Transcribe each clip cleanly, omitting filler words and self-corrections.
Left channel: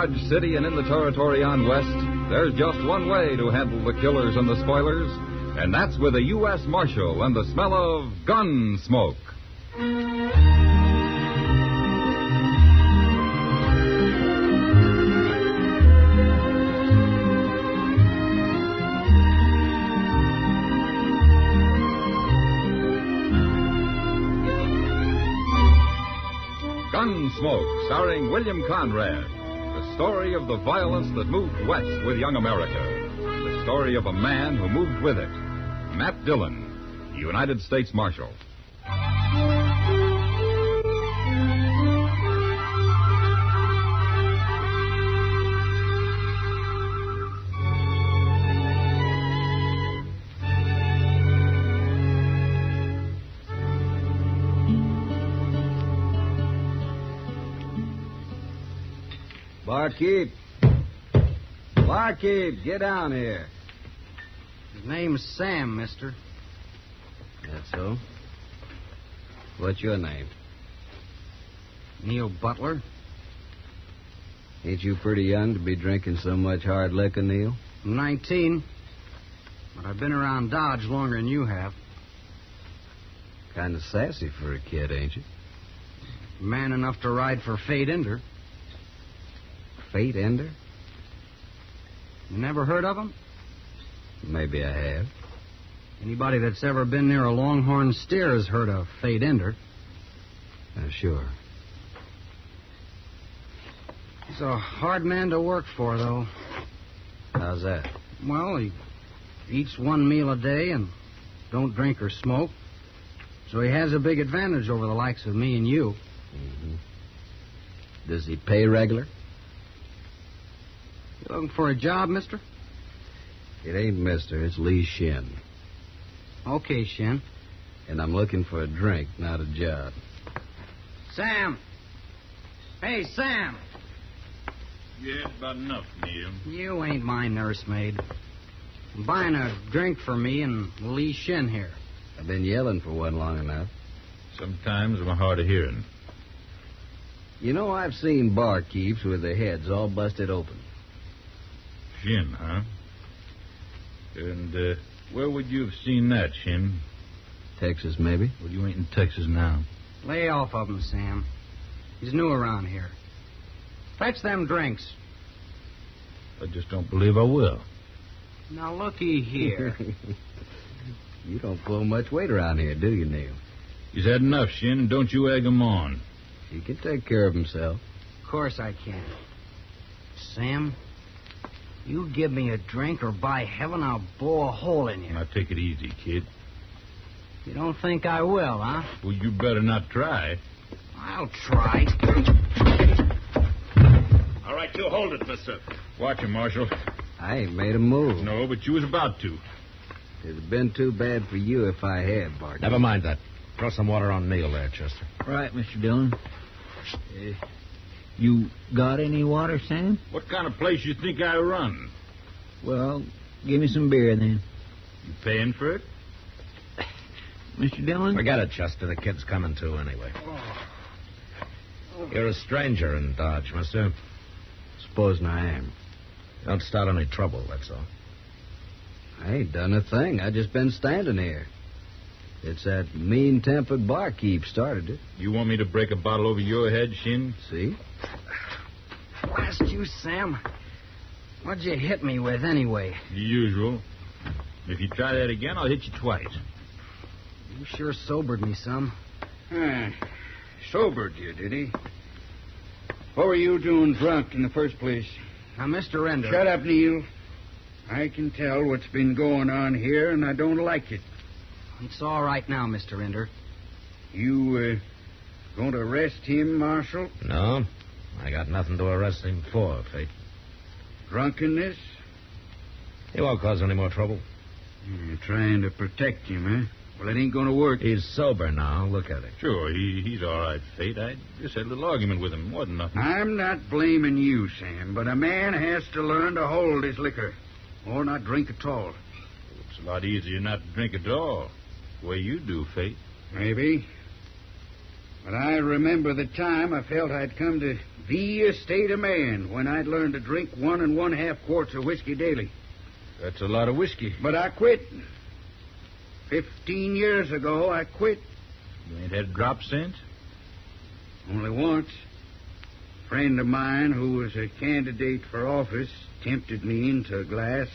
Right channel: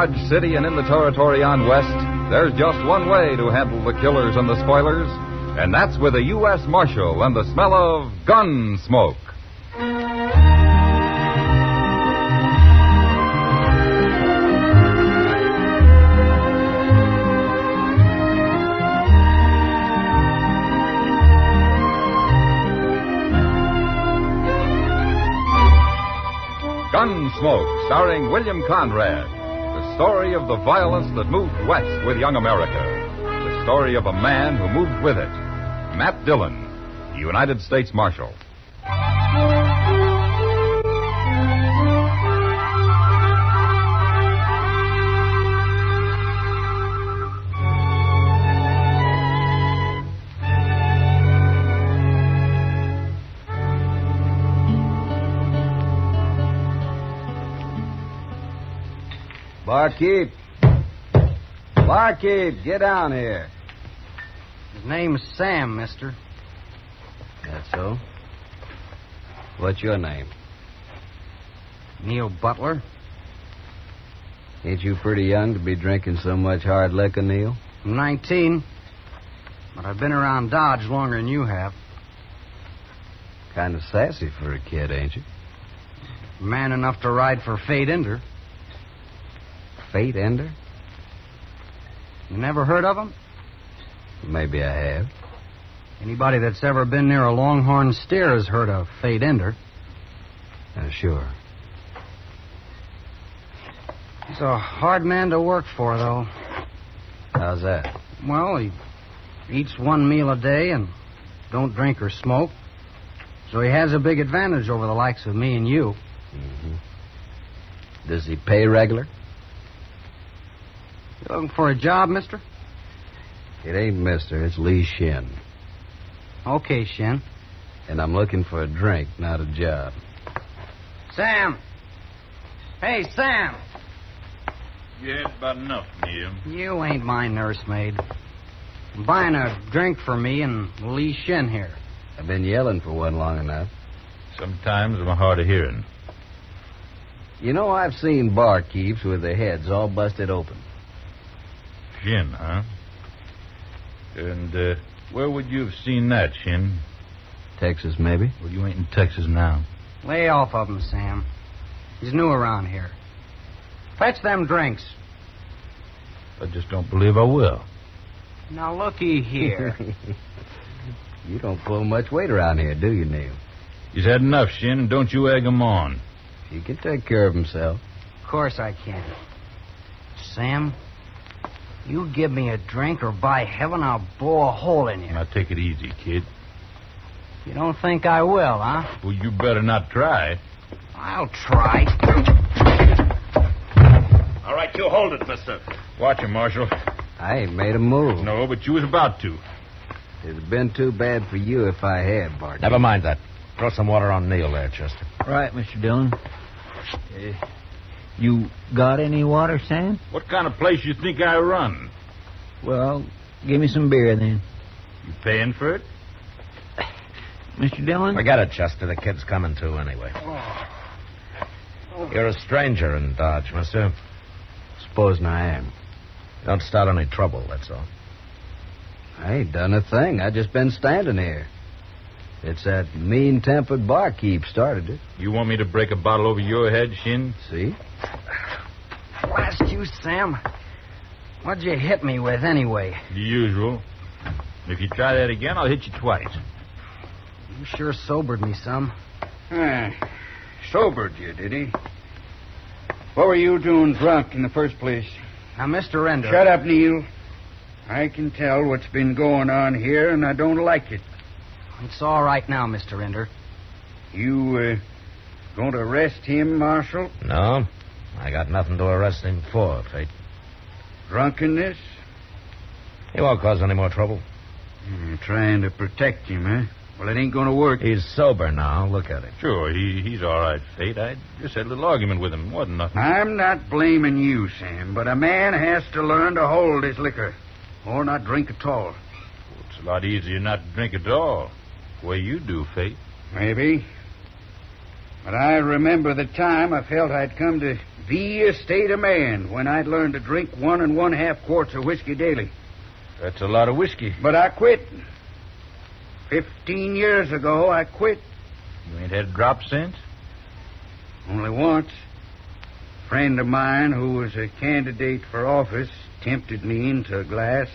Dodge City and in the territory on west, there's just one way to handle the killers and the spoilers, and that's with a U.S. Marshal and the smell of Gunsmoke. Gunsmoke, starring William Conrad. The story of the violence that moved west with young America. The story of a man who moved with it. Matt Dillon, United States Marshal. Barkeep, get down here. His name's Sam, mister. That's so. What's your name? Neil Butler. Ain't you pretty young to be drinking so much hard liquor, Neil? I'm 19, but I've been around Dodge longer than you have. Kind of sassy for a kid, ain't you? Man enough to ride for Fate Ender. Fate Ender? You never heard of him? Maybe I have. Anybody that's ever been near a longhorn steer has heard of Fate Ender. Sure. He's a hard man to work for, though. How's that? Well, he eats one meal a day and don't drink or smoke. So he has a big advantage over the likes of me and you. Mm-hmm. Does he pay regular? You looking for a job, mister? It ain't mister, it's Lee Shin. Okay, Shin. And I'm looking for a drink, not a job. Sam! Hey, Sam! Yeah, it's about enough, Neil. You ain't my nursemaid. I'm buying a drink for me and Lee Shin here. I've been yelling for one long enough. Sometimes I'm hard of hearing. You know, I've seen barkeeps with their heads all busted open. Shin, huh? And where would you have seen that, Shin? Texas, maybe? Well, you ain't in Texas now. Lay off of him, Sam. He's new around here. Fetch them drinks. I just don't believe I will. Now, looky here. You don't pull much weight around here, do you, Neil? He's had enough, Shin, and don't you egg him on. He can take care of himself. Of course I can. Sam, you give me a drink or by heaven I'll blow a hole in you. Now, take it easy, kid. You don't think I will, huh? Well, you better not try. I'll try. All right, you hold it, mister. Watch him, Marshal. I ain't made a move. No, but you was about to. It'd have been too bad for you if I had, Barkeep. Never mind that. Throw some water on Neil there, Chester. Right, Mr. Dillon. You got any water, Sam? What kind of place you think I run? Well, give me some beer, then. You paying for it? Mr. Dillon? Forget it, Chester. The kid's coming to anyway. You're a stranger in Dodge, mister. Supposing I am. Don't start any trouble, that's all. I ain't done a thing. I just been standing here. It's that mean-tempered barkeep started it. You want me to break a bottle over your head, Shin? See? Blast you, Sam. What'd you hit me with, anyway? The usual. If you try that again, I'll hit you twice. You sure sobered me some. Sobered you, did he? What were you doing drunk in the first place? Now, Mr. Ender... Shut up, Neil. I can tell what's been going on here, and I don't like it. It's all right now, Mr. Ender. You, going to arrest him, Marshal? No. I got nothing to arrest him for, Fate. Drunkenness? He won't cause any more trouble. You're trying to protect him, huh? Well, it ain't going to work. He's sober now. Look at him. Sure, he's all right, Fate. I just had a little argument with him. Wasn't nothing. I'm not blaming you, Sam, but a man has to learn to hold his liquor. Or not drink at all. It's a lot easier not to drink at all. The way you do, Fate. Maybe. But I remember the time I felt I'd come to be a state of man when I'd learned to drink 1 1/2 quarts of whiskey daily. That's a lot of whiskey. But I quit. 15 years ago, I quit. You ain't had a drop since? Only once. A friend of mine who was a candidate for office tempted me into a glass.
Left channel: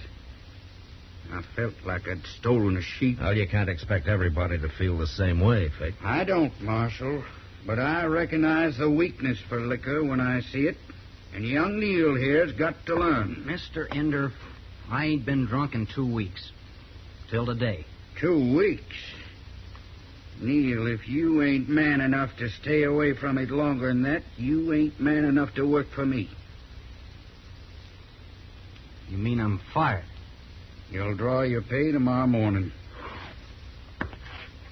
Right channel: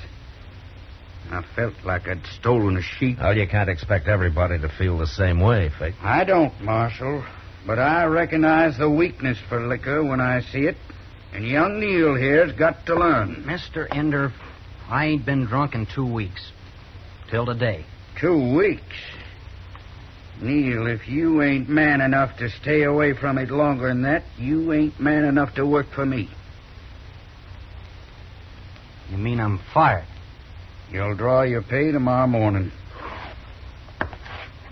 I felt like I'd stolen a sheep. Well, you can't expect everybody to feel the same way, Fate. I don't, Marshal. But I recognize the weakness for liquor when I see it. And young Neil here's got to learn. Mr. Ender, I ain't been drunk in 2 weeks. Till today. 2 weeks? Neil, if you ain't man enough to stay away from it longer than that, you ain't man enough to work for me. You mean I'm fired? You'll draw your pay tomorrow morning.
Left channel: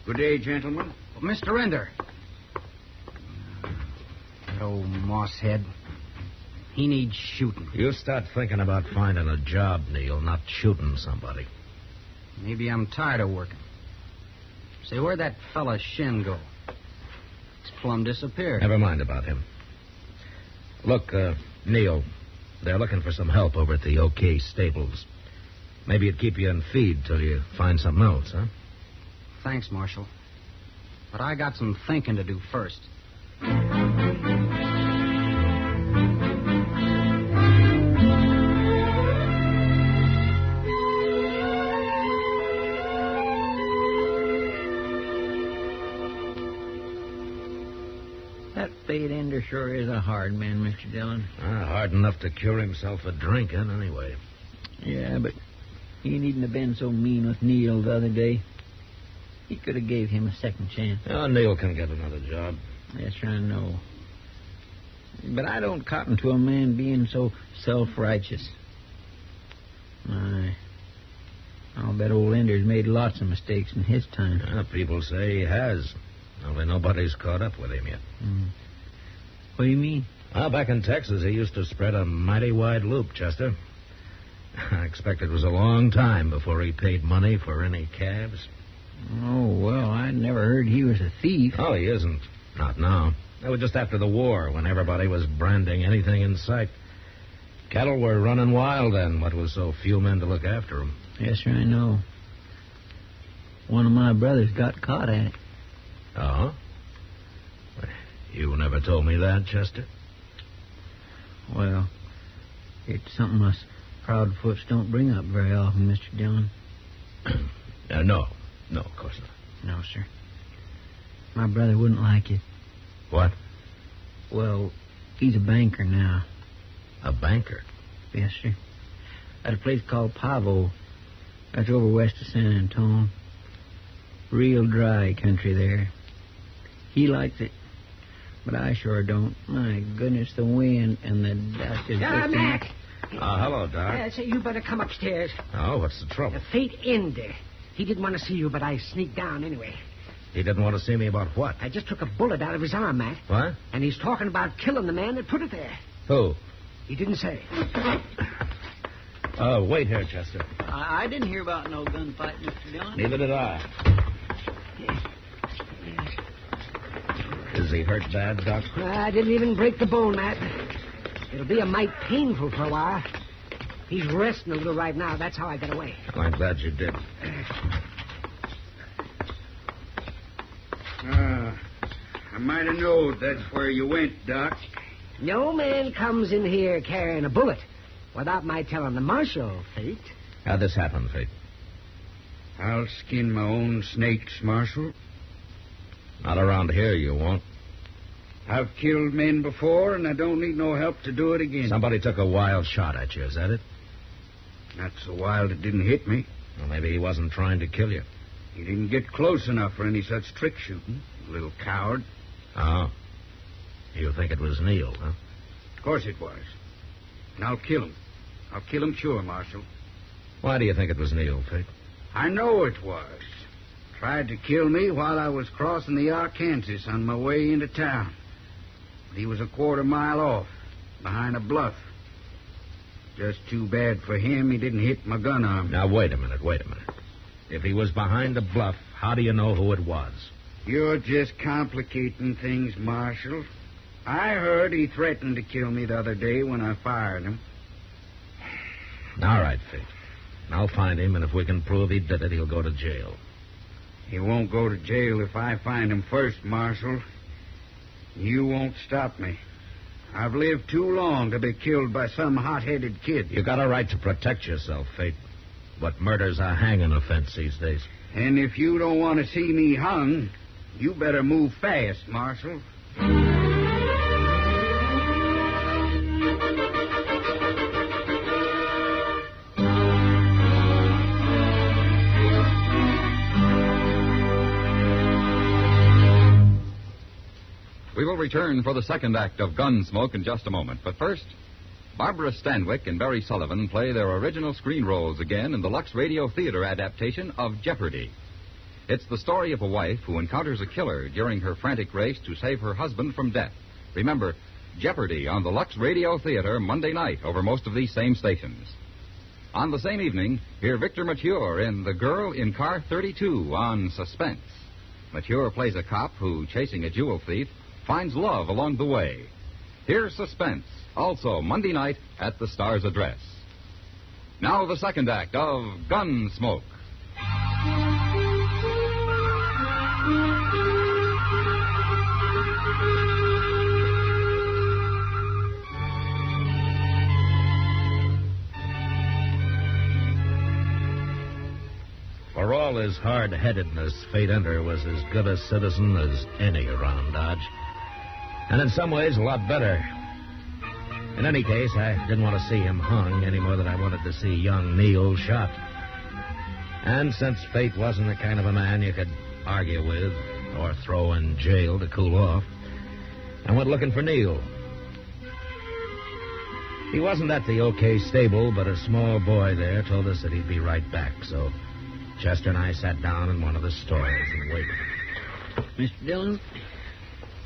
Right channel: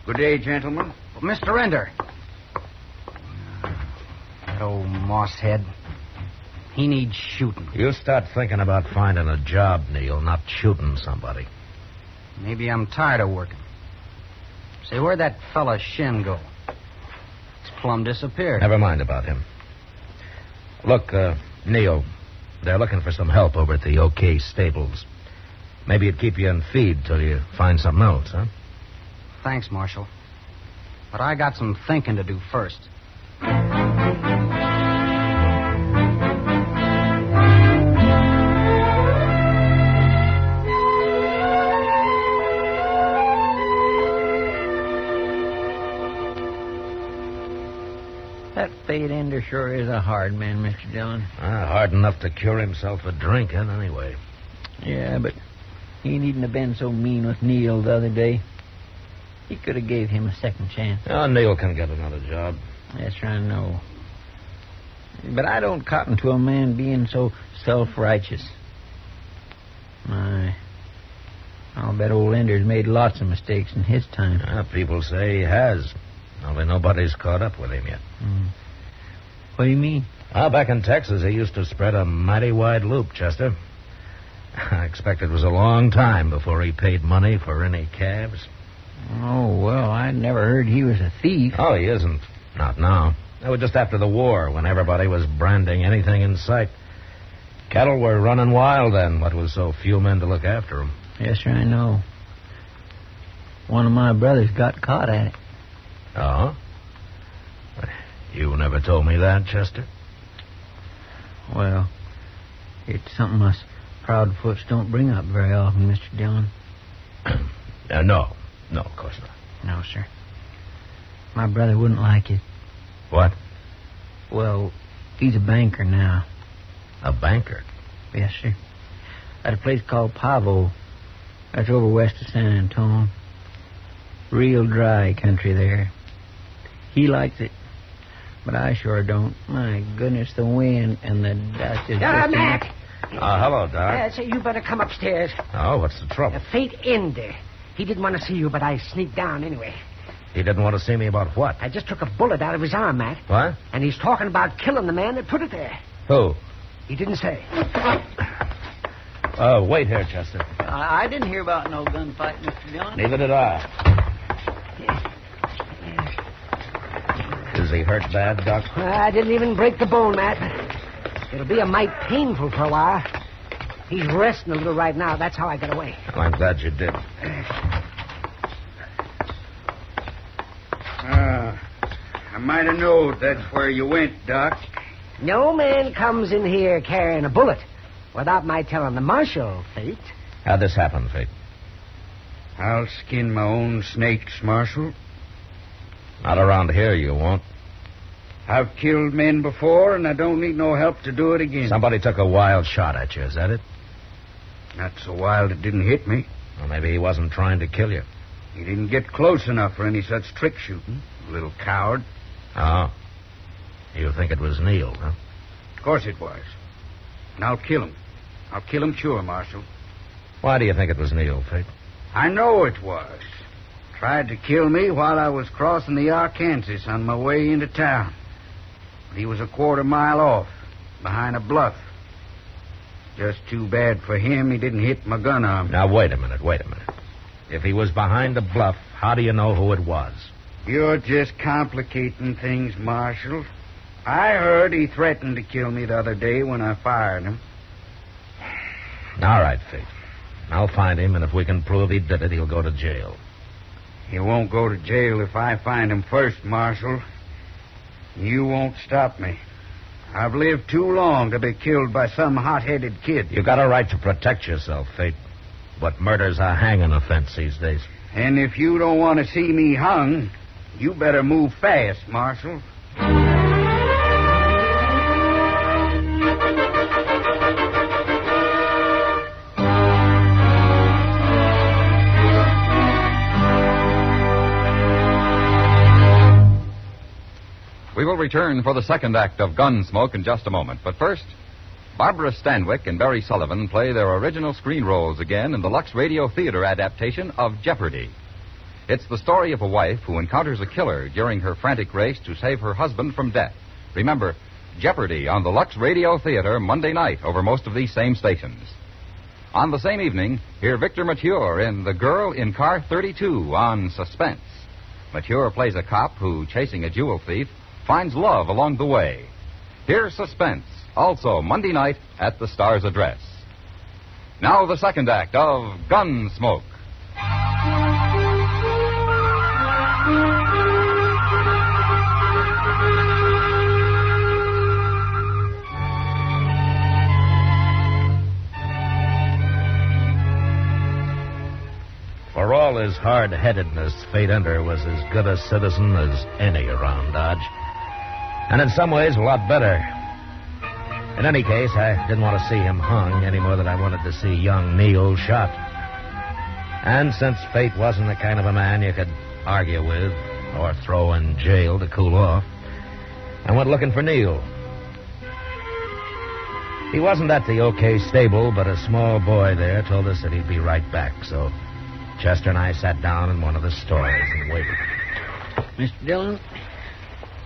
Good day, gentlemen. Mr. Ender. That old mosshead. He needs shooting. You start thinking about finding a job, Neil, not shooting somebody. Maybe I'm tired of working. Say, where'd that fella Shin go? He's plumb disappeared. Never mind about him. Look, Neil, they're looking for some help over at the OK Stables. Maybe it'd keep you in feed till you find something else, huh? Thanks, Marshal. But I got some thinking to do first. That Fate Ender sure is a hard man, Mr. Dillon. Hard enough to cure himself of drinking, anyway. Yeah, but he needn't have been so mean with Neil the other day. He could have gave him a second chance. Oh, Neil can get another job. Yes, sir, I know. But I don't cotton to a man being so self-righteous. I'll bet old Ender's made lots of mistakes in his time. People say he has. Only nobody's caught up with him yet. What do you mean? Back in Texas, he used to spread a mighty wide loop, Chester. I expect it was a long time before he paid money for any cabs. Oh, well, I never heard he was a thief. Oh, he isn't. Not now. It was just after the war, when everybody was branding anything in sight. Cattle were running wild then, what with so few men to look after them. Yes, sir, I know. One of my brothers got caught at it. Oh? You never told me that, Chester. Well, it's something us Proudfoots don't bring up very often, Mr. Dillon. No. No, of course not. No, sir. My brother wouldn't like it. What? Well, he's a banker now. A banker? Yes, sir. At a place called Pavo. That's over west of San Antonio. Real dry country there. He likes it, but I sure don't. My goodness, the wind and the dust is... Matt! Hello, Doc. So you better come upstairs. Oh, what's the trouble? Fate Ender. He didn't want to see you, but I sneaked down anyway. He didn't want to see me about what? I just took a bullet out of his arm, Matt. What? And he's talking about killing the man that put it there. Who? He didn't say. Wait here, Chester. I didn't hear about no gunfight, Mr. Dillon. Neither did I. Is he hurt bad, Doc? I didn't even break the bone, Matt. It'll be a mite painful for a while. He's resting a little right now. That's how I got away. Well, I'm glad you did. I might have known that's where you went, Doc. No man comes in here carrying a bullet without my telling the marshal, Fate. How'd this happen, Fate? I'll skin my own snakes, Marshal. Not around here, you won't. I've killed men before, and I don't need no help to do it again. Somebody took a wild shot at you, is that it? Not so wild it didn't hit me. Well, maybe he wasn't trying to kill you. He didn't get close enough for any such trick shooting. Little coward. Oh. You think it was Neil, huh? Of course it was. And I'll kill him. I'll kill him sure, Marshal. Why do you think it was Neil, Fate? I know it was. Tried to kill me while I was crossing the Arkansas on my way into town. But he was a quarter-mile off, behind a bluff. Just too bad for him he didn't hit my gun arm. Now, wait a minute. If he was behind a bluff, how do you know who it was? You're just complicating things, Marshal. I heard he threatened to kill me the other day when I fired him. All right, Fate. I'll find him, and if we can prove he did it, he'll go to jail. He won't go to jail if I find him first, Marshal. You won't stop me. I've lived too long to be killed by some hot-headed kid. You got a right to protect yourself, Fate. But murder's a hanging offense these days. And if you don't want to see me hung, you better move fast, Marshal. We will return for the second act of Gunsmoke in just a moment. But first, Barbara Stanwyck and Barry Sullivan play their original screen roles again in the Lux Radio Theater adaptation of Jeopardy! It's the story of a wife who encounters a killer during her frantic race to save her husband from death. Remember, Jeopardy! On the Lux Radio Theater Monday night over most of these same stations. On the same evening, hear Victor Mature in The Girl in Car 32 on Suspense. Mature plays a cop who, chasing a jewel thief, finds love along the way. Here's Suspense, also Monday night at the Star's address. Now the second act of Gunsmoke. For all his hard-headedness, Fate Ender was as good a citizen as any around Dodge. And in some ways, a lot better. In any case, I didn't want to see him hung any more than I wanted to see young Neil shot. And since Fate wasn't the kind of a man you could argue with or throw in jail to cool off, I went looking for Neil. He wasn't at the OK stable, but a small boy there told us that he'd be right back, so Chester and I sat down in one of the stores and waited.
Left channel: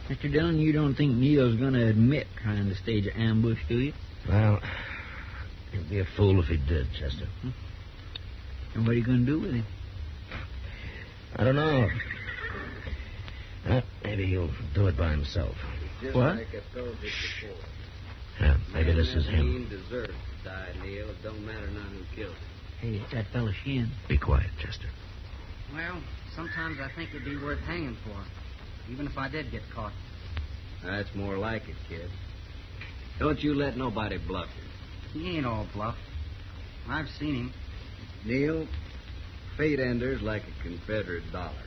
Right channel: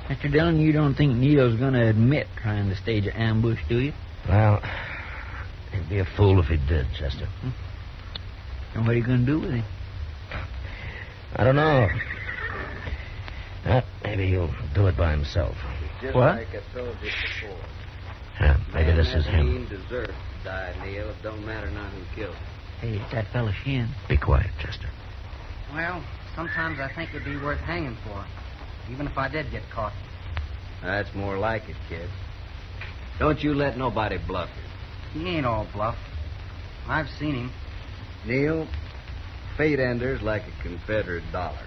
Mr. Dillon, you don't think Neil's going to admit trying to stage an ambush, do you? Well, he'd be a fool if he did, Chester. And what are you going to do with him? I don't know. Maybe he'll do it by himself. What? Like I told you before. Yeah, maybe this is him. He deserves to die, Neil. It don't matter now who killed him. Hey, it's that fella Shin. Be quiet, Chester. Well, sometimes I think it'd be worth hanging for, even if I did get caught. That's more like it, kid. Don't you let nobody bluff you. He ain't all bluff. I've seen him. Neil, Fate Ender's like a Confederate dollar.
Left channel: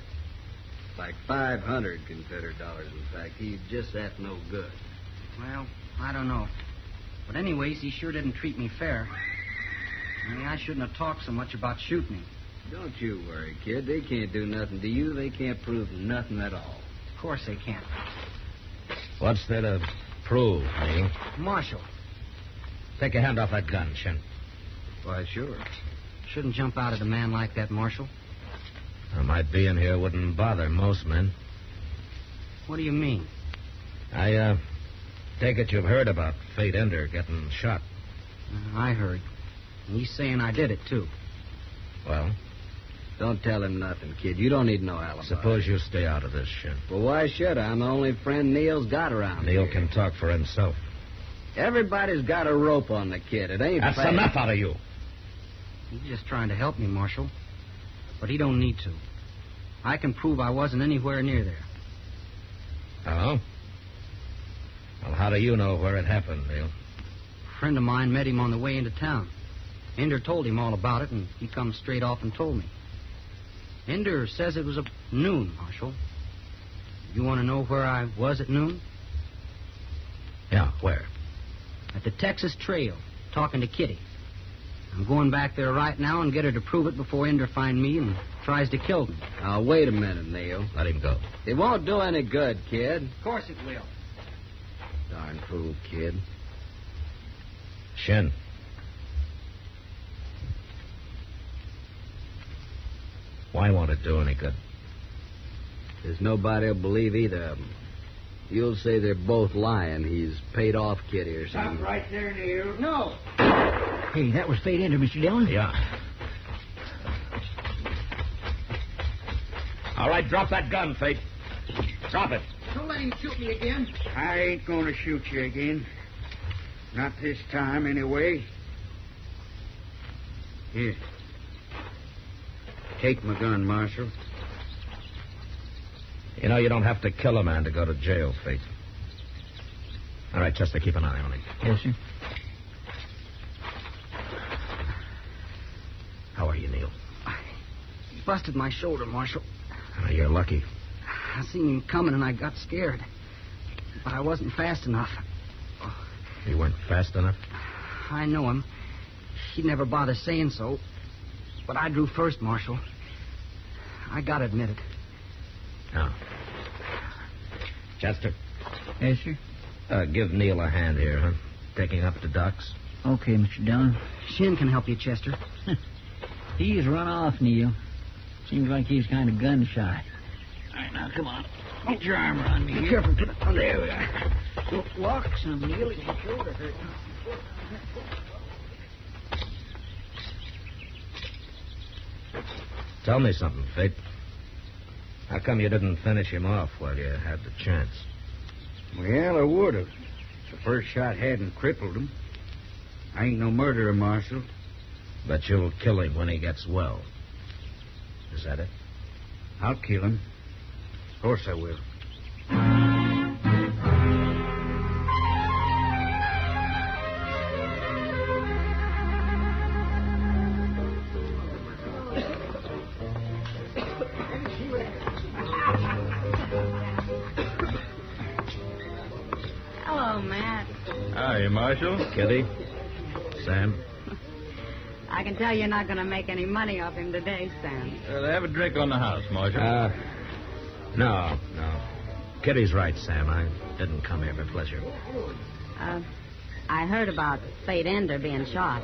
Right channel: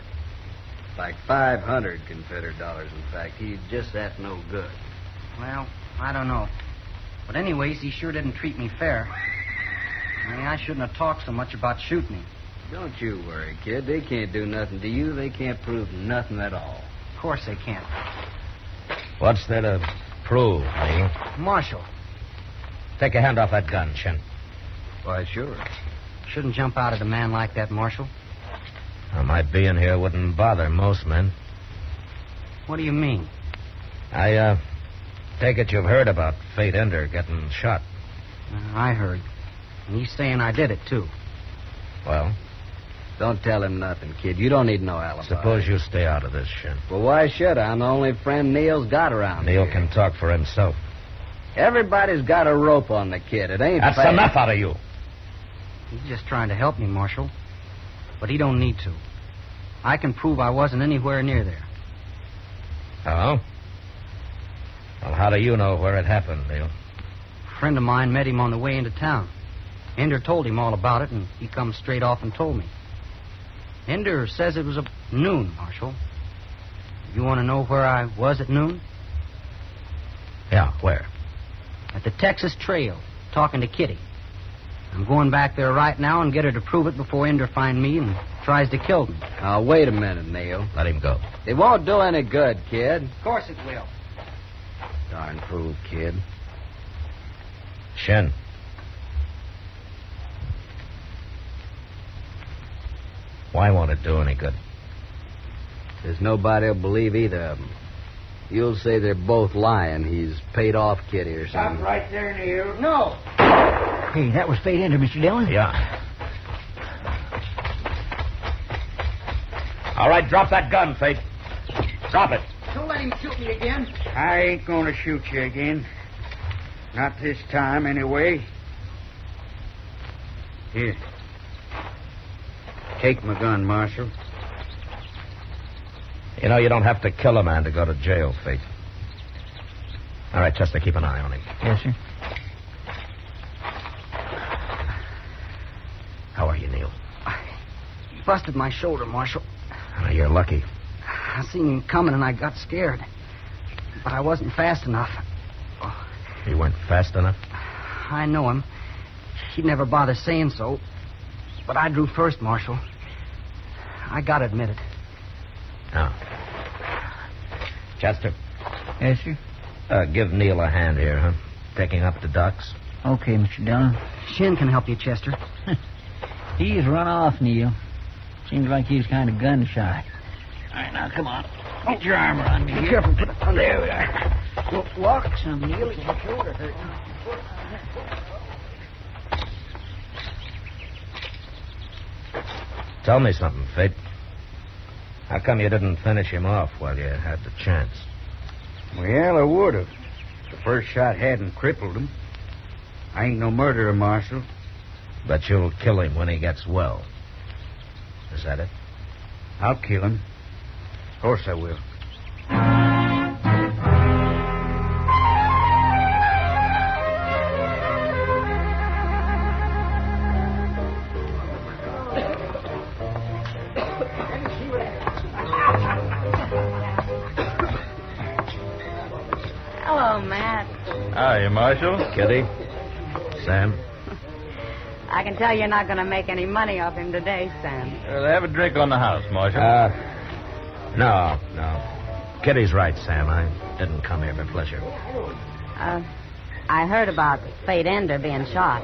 Like 500 Confederate dollars, in fact. He's just that no good. Well, I don't know. But anyways, he sure didn't treat me fair. I mean, I shouldn't have talked so much about shooting him. Don't you worry, kid. They can't do nothing to you. They can't prove nothing at all. Of course they can't. What's there to prove, Neil? Marshal, Take your hand off that gun, Shin. Why, sure. shouldn't jump out at a man like that, Marshal. Well, my being here wouldn't bother most men. What do you mean? I take it you've heard about Fate Ender getting shot. I heard. And he's saying I did it, too. Well, Don't tell him nothing, kid. You don't need no alibi. suppose you stay out of this, Shin. Well, why should I? I'm the only friend Neil's got around Neil here. can talk for himself. Everybody's got a rope on the kid. It ain't That's fair. enough out of you. He's just trying to help me, Marshal. But he don't need to. I can prove I wasn't anywhere near there. Oh? Well, how do you know where it happened, Neil? A friend of mine met him on the way into town. Ender told him all about it, and he come straight off and told me. Ender says it was at noon, Marshal. You want to know where I was at noon? Yeah, where? At the Texas Trail, talking to Kitty. I'm going back there right now and get her to prove it before Ender finds me and tries to kill me. Now, wait a minute, Neil. Let him go. It won't do any good, kid. Of course it will. Darn fool, kid. Shin. Why won't it do any good? There's nobody will believe either of them. You'll say they're both lying. He's paid off Kitty or something. Stop right there, Neil. No! Hey, that was Fate Ender, Mr. Dillon. Yeah. All right, drop that gun, Fate. Drop it. Too late. let him shoot me again. I ain't gonna shoot you again. Not this time, anyway. Here. Take my gun, Marshal. You know, you don't have to kill a man to go to jail, Fate. All right, Chester, keep an eye on him. Yes, sir. How are you, Neil? He busted my shoulder, Marshal. Oh, you're lucky. I seen him coming and I got scared. But I wasn't fast enough. You weren't fast enough? I know him. He'd never bother saying so. But I drew first, Marshal. I gotta admit it. Oh. Chester, Yes, sir. give Neil a hand here, huh? Taking up the ducks. Okay, Mr. Dillon. Shin can help you, Chester. He's run off, Neil. Seems like he's kind of gun shy. All right, now, come on. Put your arm around me. Be careful. Put it on There we are. Walk some, Neil. Your shoulder hurting. Tell me something, Fate. How come you didn't finish him off while you had the chance? Well, I would have. The first shot hadn't crippled him. I ain't no murderer, Marshal. But you'll kill him when he gets well. Is that it? I'll kill him. Of course I will. Hello, Matt. Hiya, Marshal. Kitty? Sam? I can tell you're not going to make any money off him today, Sam. Have a drink on the house, Marshal. No. Kitty's right, Sam. I didn't come here for pleasure. I heard about Fate Ender being shot.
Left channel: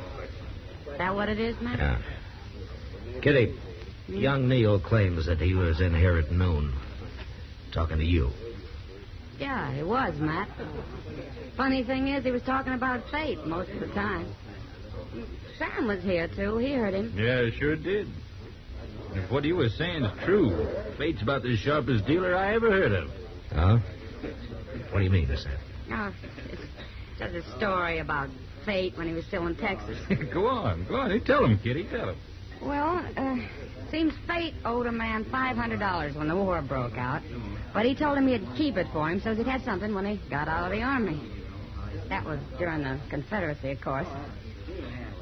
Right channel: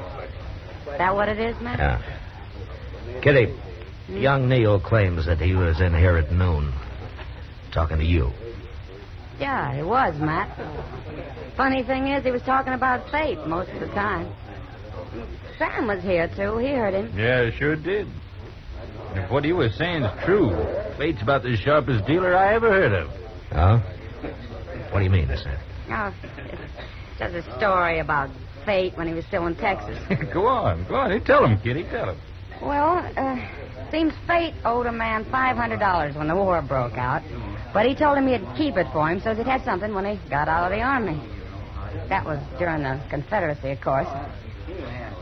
Is that what it is, Matt? Yeah. Kitty, young Neil claims that he was in here at noon talking to you. Yeah, he was, Matt. Funny thing is, he was talking about Fate most of the time. Sam was here, too. He heard him. Yeah, sure did. If what he was saying is true, Fate's about the sharpest dealer I ever heard of. Oh? What do you mean, Sam? No, it's just a story about Fate when he was still in Texas. Go on. Tell him, Kitty. Tell him. Well, seems Fate owed a man $500 when the war broke out. But he told him he'd keep it for him so he'd have something when he got out of the army. That was during the Confederacy, of course.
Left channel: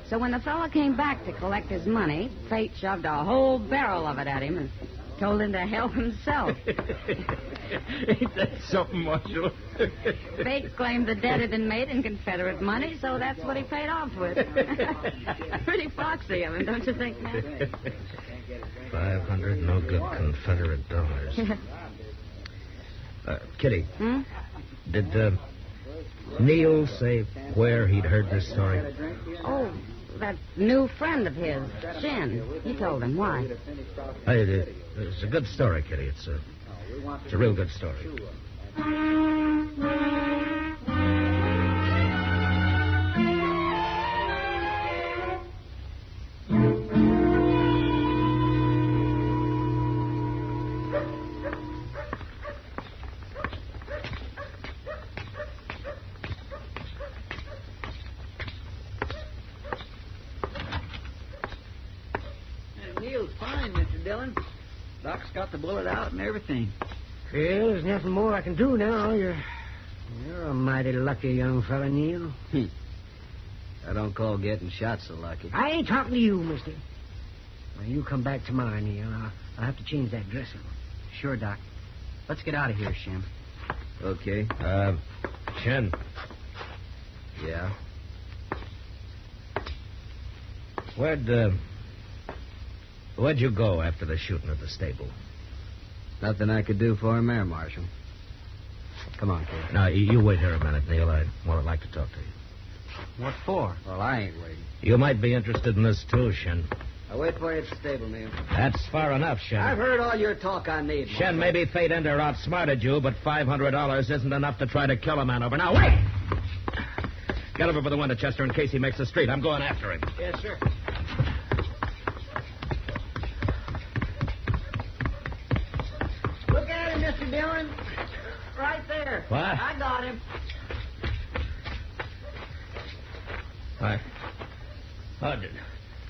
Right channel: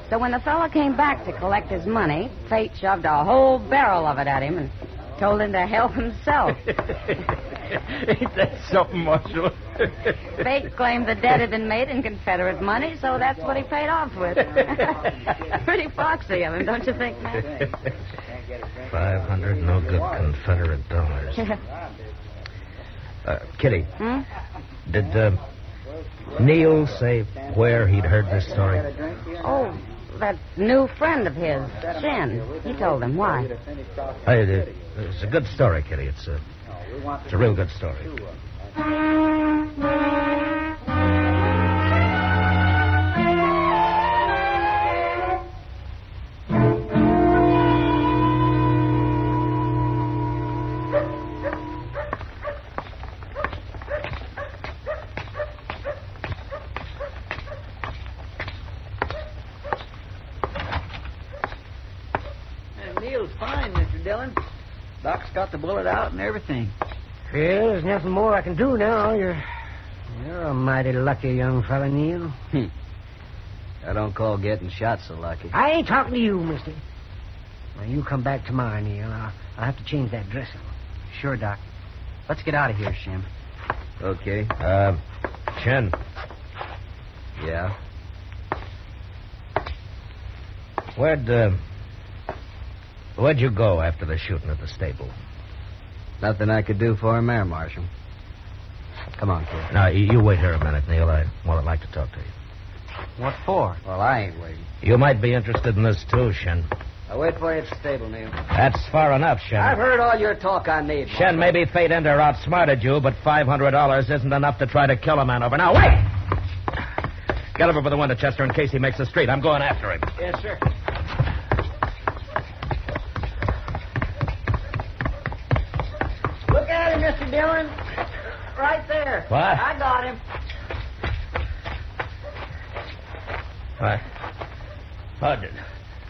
So when the fellow came back to collect his money, Fate shoved a whole barrel of it at him and told him to help himself. Ain't that something, Marshal? Fate claimed the debt had been made in Confederate money, so that's what he paid off with. Pretty foxy of him, don't you think, Matt? 500 no good Confederate dollars. Kitty, did Neil say where he'd heard this story? Oh, that new friend of his, Shin. He told him. Why? It's a good story, Kitty. It's a real good story. Neil's fine, Mr. Dillon. Doc's got the bullet out and everything. Well, there's nothing more I can do now. You're a mighty lucky young fella, Neil. I don't call getting shot so lucky. I ain't talking to you, mister. When you come back tomorrow, Neil, I'll have to change that dressing. Sure, Doc. Let's get out of here, Shin. Okay. Shin, Yeah. where'd you go after the shooting at the stable? Nothing I could do for him there, Marshal. Come on, kid. Now, you wait here a minute, Neil. I'd like to talk to you. What for? Well, I ain't waiting. You might be interested in this, too, Shin. I'll wait for you at the stable, Neil. That's far enough, Shin. I've heard all your talk on need. Shin, maybe Fate Ender outsmarted you, but $500 isn't enough to try to kill a man over. Now, wait! Get over for the window, Chester, in case he makes the street. I'm going after him. Yes, sir. Look at him, Mr. Dillon. right there. What? I got him. What?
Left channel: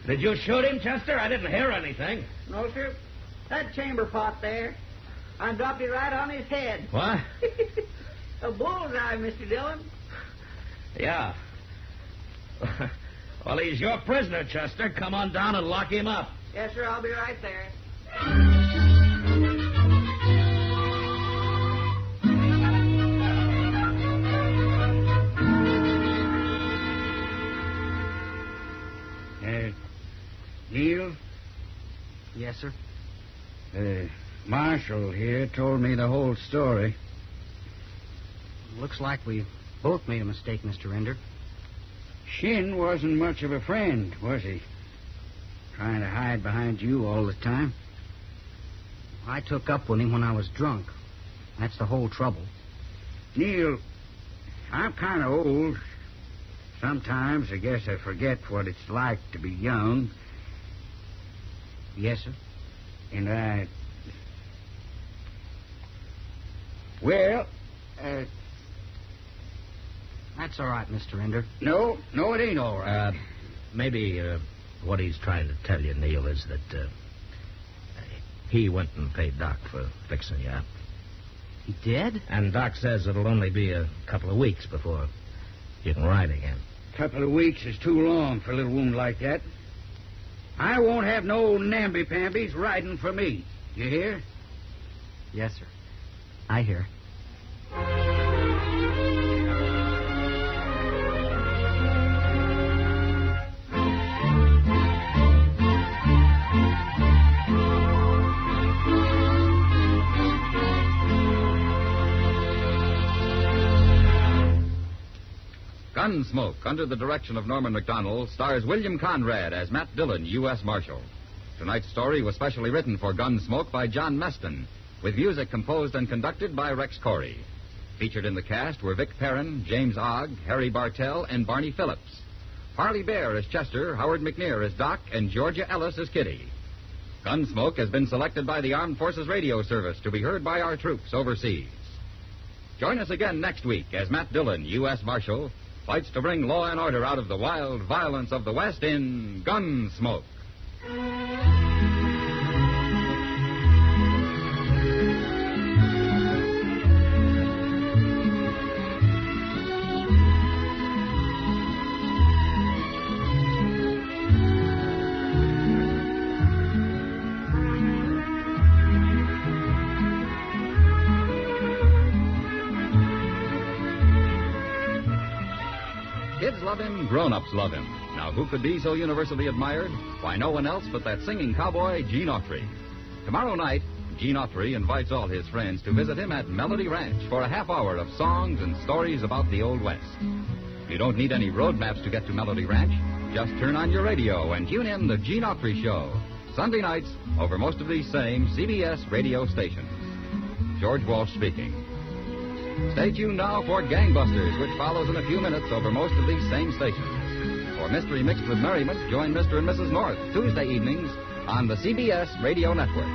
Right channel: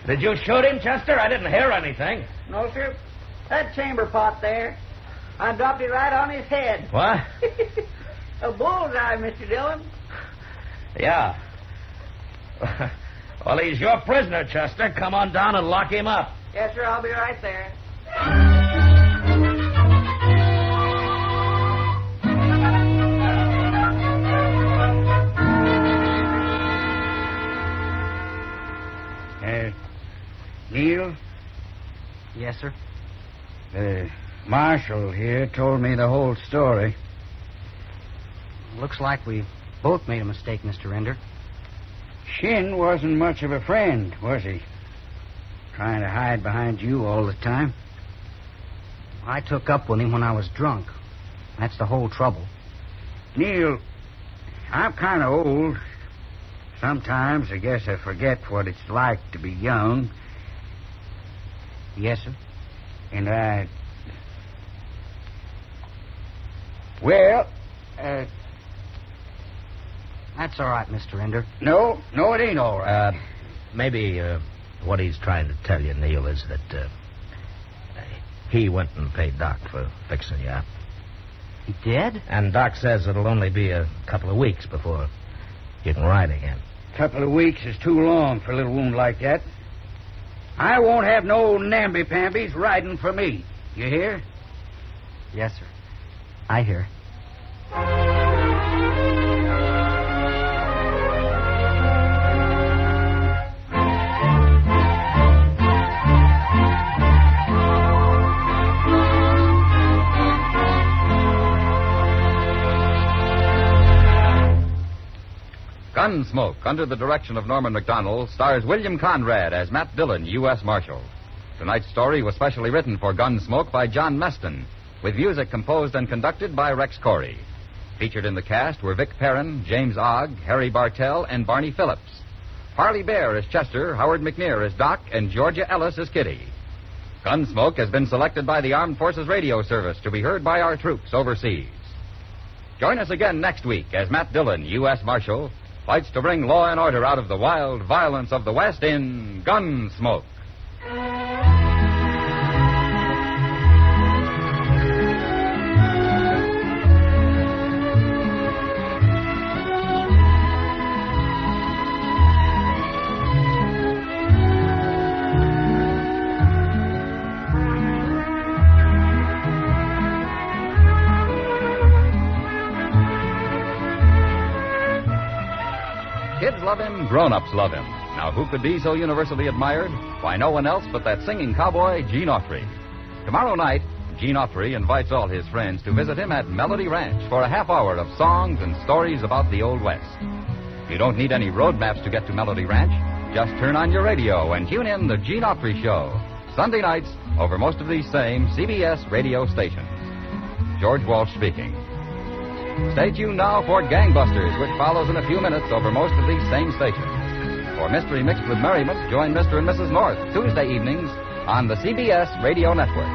Did you shoot him, Chester? I didn't hear anything. No, sir. That chamber pot there. I dropped it right on his head. What? A bullseye, Mr. Dillon. Yeah. Well, he's your prisoner, Chester. Come on down and lock him up. Yes, sir. I'll be right there. Neil? Yes, sir. Marshal here told me the whole story. Looks like we both made a mistake, Mr. Ender. Shin wasn't much of a friend, was he? Trying to hide behind you all the time. I took up with him when I was drunk. That's the whole trouble. Neil, I'm kind of old. Sometimes I guess I forget what it's like to be young. Yes, sir. And Well, That's all right, Mr. Ender. no, it ain't all right. Maybe what he's trying to tell you, Neil, is that he went and paid Doc for fixing you up. He did? And Doc says it'll only be a couple of weeks before you can ride again. Couple of weeks is too long for a little wound like that. I won't have no namby-pambies riding for me. You hear? Yes, sir. I hear. Gunsmoke, under the direction of Norman MacDonnell, stars William Conrad as Matt Dillon, U.S. Marshal. Tonight's story was specially written for Gunsmoke by John Meston, with music composed and conducted by Rex Corey. Featured in the cast were Vic Perrin, James Ogg, Harry Bartell, and Barney Phillips. Parley Baer as Chester, Howard McNear as Doc, and Georgia Ellis as Kitty. Gunsmoke has been selected by the Armed Forces Radio Service to be heard by our troops overseas. Join us again next week as Matt Dillon, U.S. Marshal, fights to bring law and order out of the wild violence of the West in Gunsmoke. Kids love him, grown-ups love him. Now, who could be so universally admired? Why, no one else but that singing cowboy, Gene Autry. Tomorrow night, Gene Autry invites all his friends to visit him at Melody Ranch for a half hour of songs and stories about the Old West. You don't need any road maps to get to Melody Ranch. Just turn on your radio and tune in the Gene Autry Show, Sunday nights over most of these same CBS radio stations. George Walsh speaking. Stay tuned now for Gangbusters, which follows in a few minutes over most of these same stations. For Mystery Mixed with Merriment, join Mr. and Mrs. North Tuesday evenings on the CBS Radio Network.